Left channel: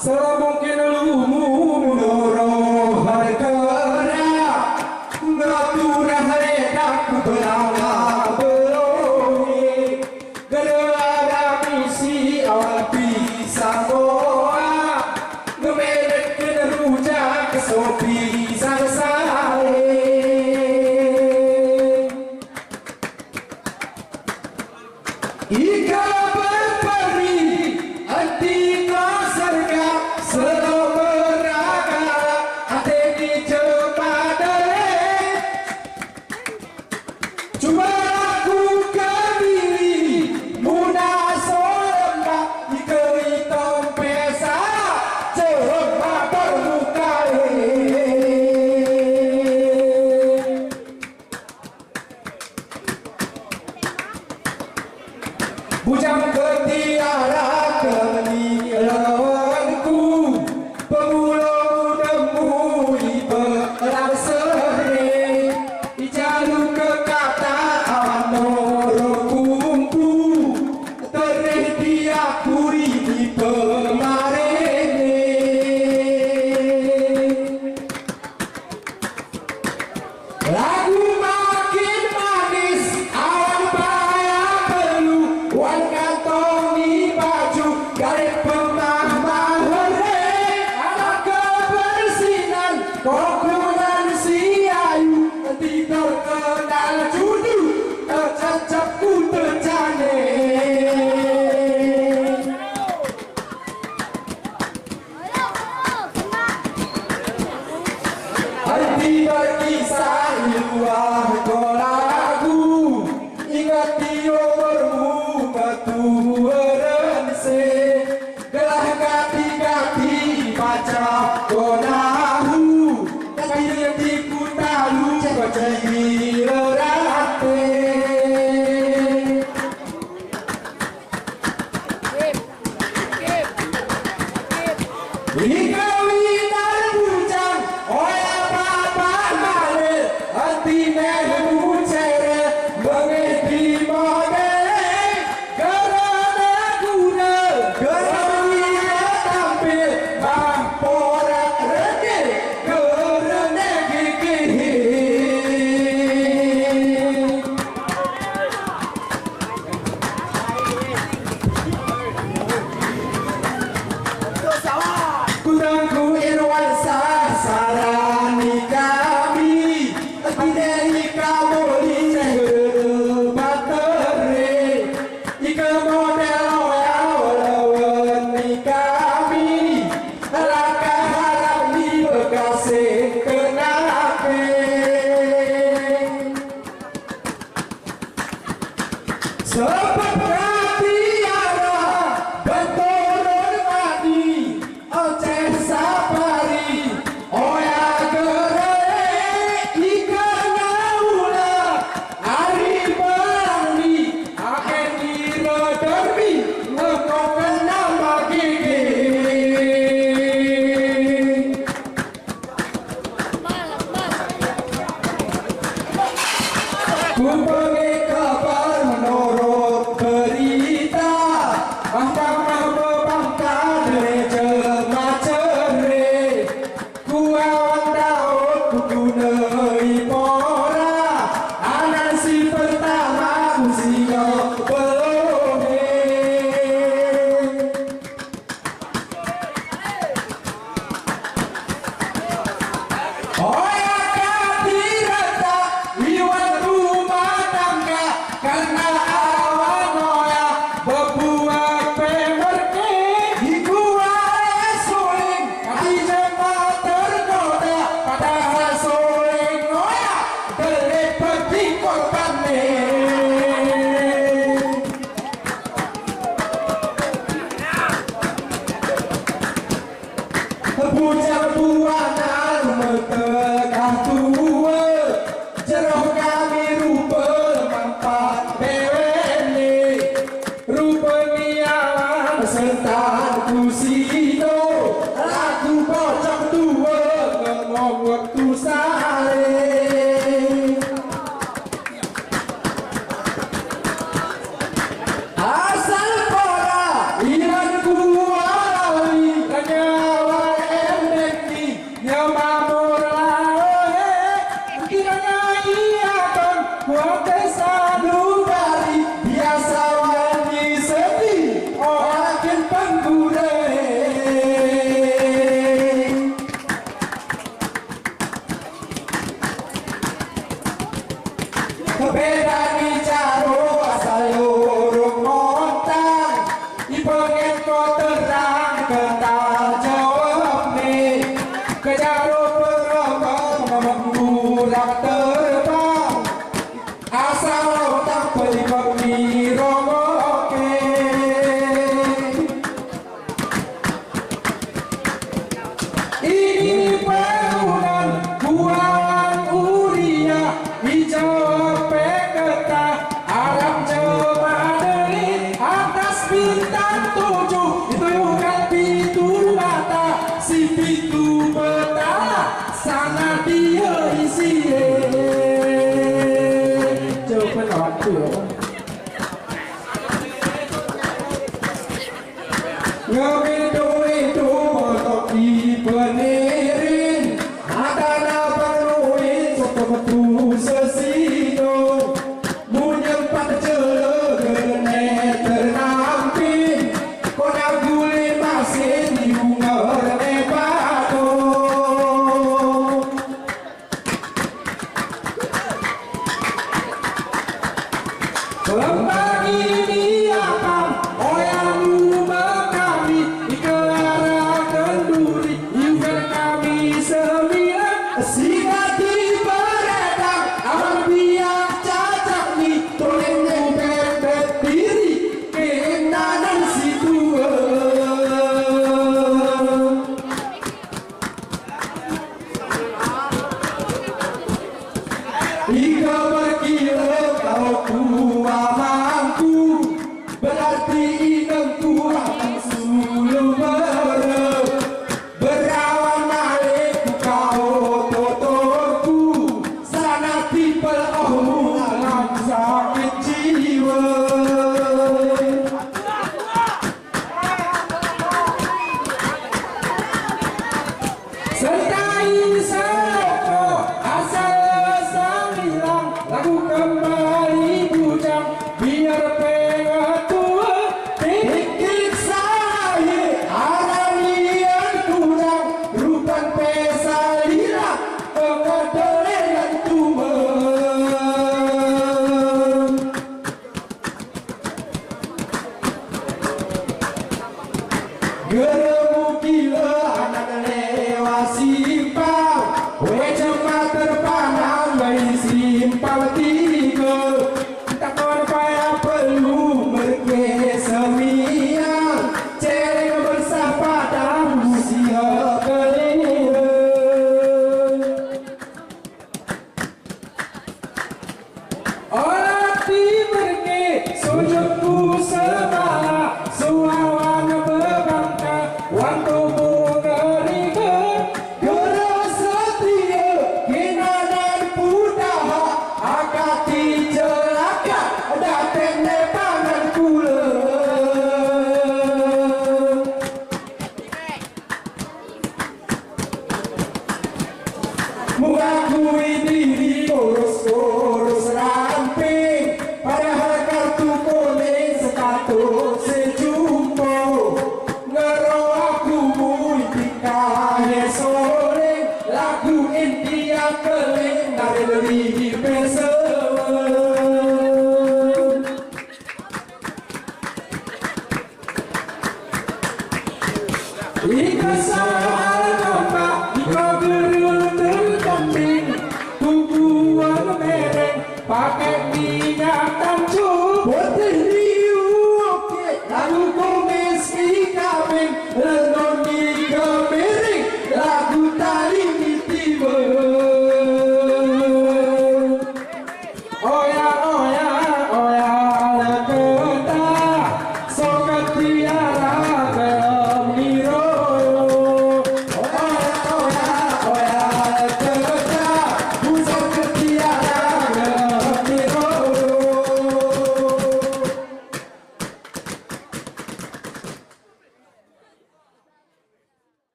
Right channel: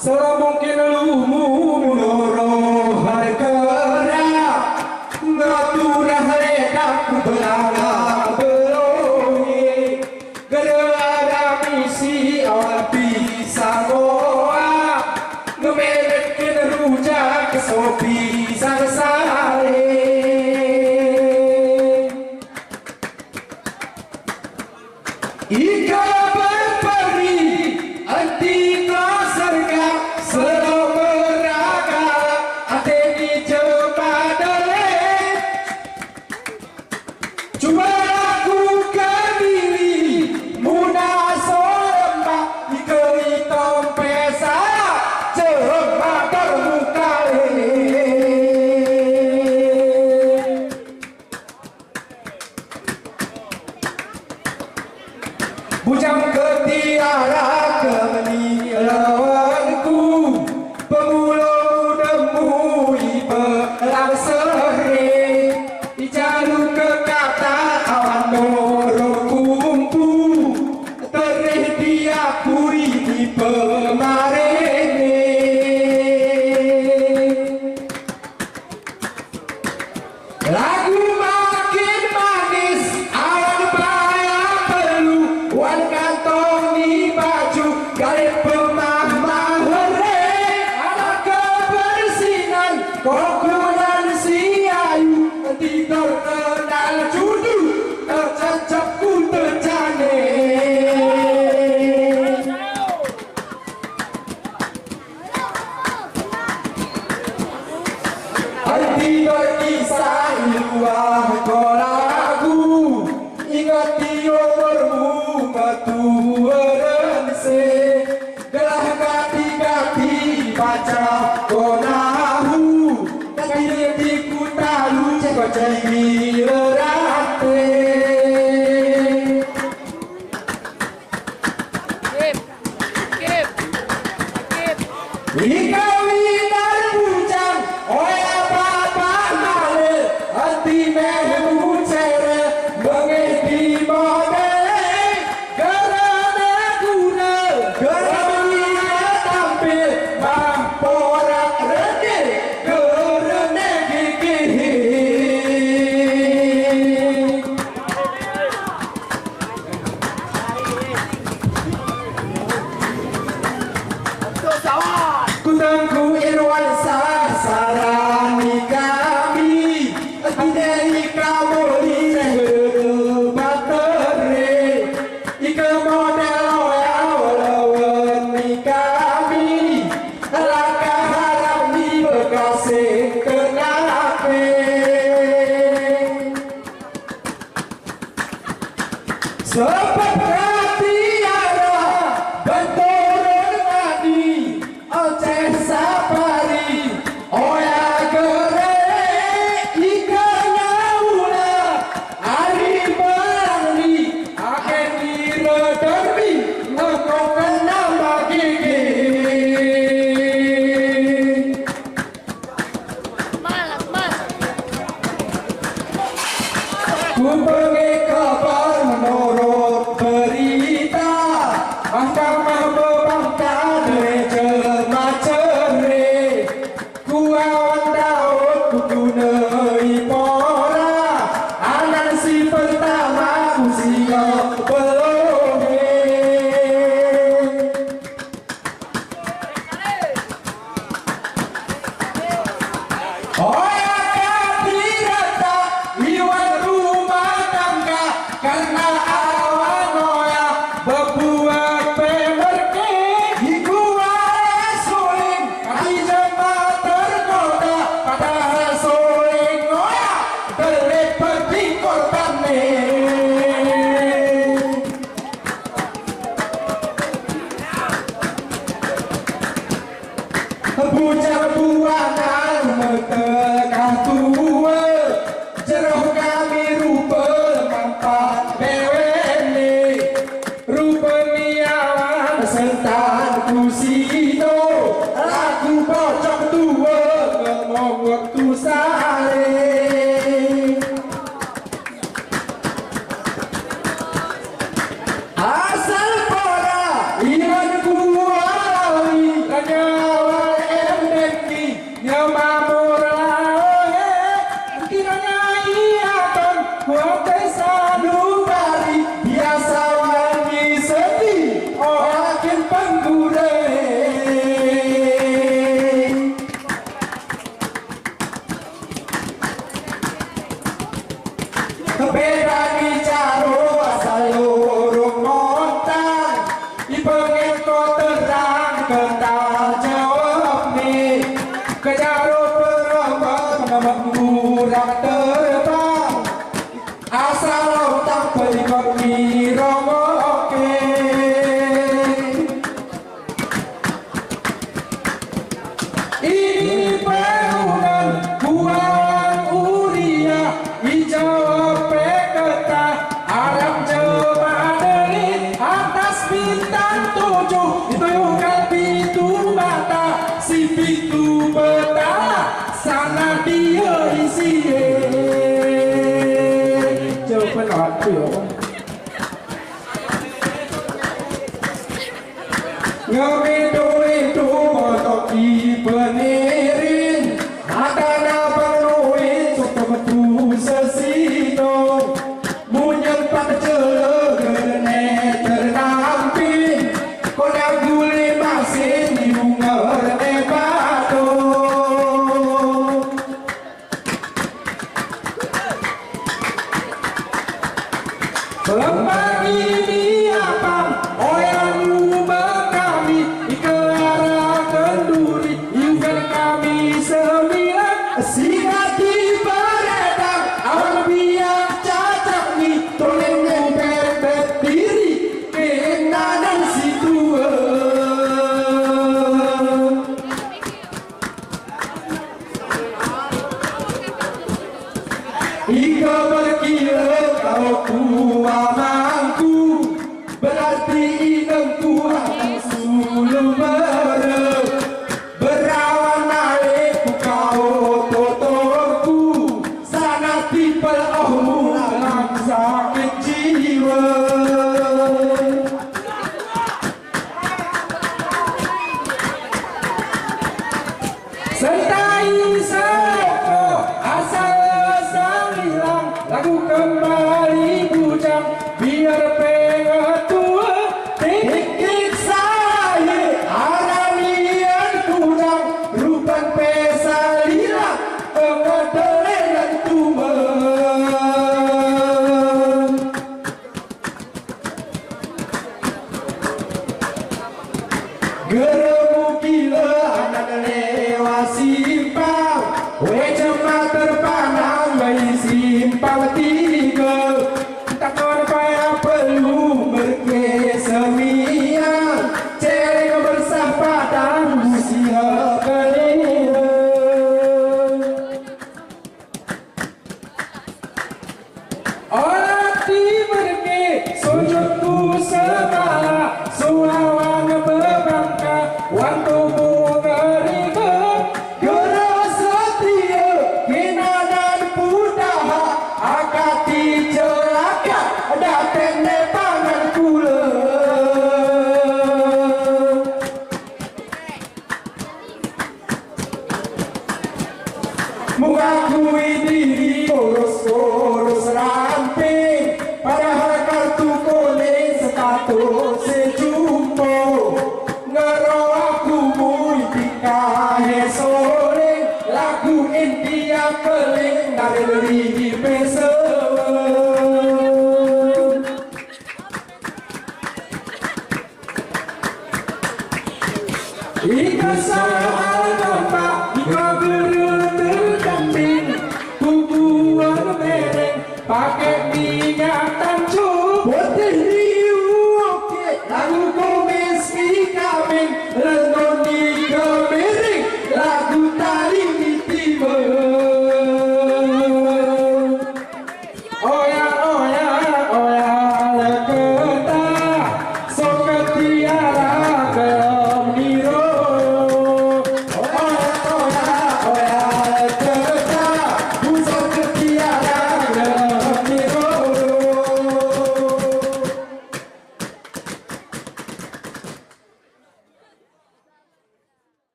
Semungkin lumu munoro harkara ngaturah ledak berala belongi gara misi awal pisang goa ngemelet kena rujak kesopi sang sare ika berperi anti serga selo beraga ate di cepadale coba lakukan diri muda solemba dikeri tompesa coba terbuka bujang ketiara kenilawanku pemulau nemui perang sore di jalur ke kata awan noro kumpu terih dia puri di pemarene lagu makin manis awan bahaya perlu wan kantong di baju garis pemah mahore anak kebersinan kokunan si ayu nanti terkenal judu tercecep ku terjane hati berkisah luar kolaku ingat di umurmu batu berense gelah gati-gati baca konahu tapi di kutalu cek-cek lerate ika winar bujang oya papa male hati mehmu cere mengedi modele gerana guna gerana tampil mamporak rene gerana gigi kutangku irwan sarani kami bidai kamoli batere ika model lawan kami laka harap di bekasi kenape seperti tiara benturun tadi oceh sapari oya gere ika nyaula ari berani akan diroderbi ngekokan nama gigi ku pergi kabar menurut berita mahkamah bebangka gereja macere ku awan daud ku gunai pora anan si pertama ku singa belohe oya katirata iwan rumah tangga karena awan oya berbuat pemerke hikuwa suling kaki jemaah tergoda padahal suling oya terlepas di korbannya bujang buangan metekah tua jeroh kami rupa mampat bewene rupa niawan serta kusino lagu pocong tua ngomong waktu sare asal pora iman kuali hanya bintang 7 dituyukan pitu mata, si pitu petala sana dia isi. Coba waktu ngebedo-bedo motok di penirin, adana penuhin soto betu sesino, munyempat jele gene ternampin, kona gule masin di unger nebado. Lembang ini apa? Oyangmu berkami dikelara kenduri, ikan kami sembilan sigati beredar, awan biak cacak nih tolengmu bebet diri kenanan situ. Ika berkira kalau kuamanku, berarti inangku akan suluh merep, berawan naik kau totorku, sana tipel ohmu alam sakit jiwa. Sentai seko asal sang lagu kembali bujang biar pengetua dikit saya aranian kurang rupan pesalira pengedelan tua. Geremu gila anak lewa simpang, wejema terpanang bayi simpang tiga, tak payah perlu berkesemian, cereng bersah padang usia kelima. Orang tiberke sujudku semala, suawan berbangka, waktu mengerikan, geras setia, hina dan pudaha, akati celaka, datang nepangan kula. Mengakui diri urus-urus ramping, padahal kartu kuning sepatu sejumpa, ngero aku mui dikahe sore, lagu India keling dari lerihi pesewan. Ika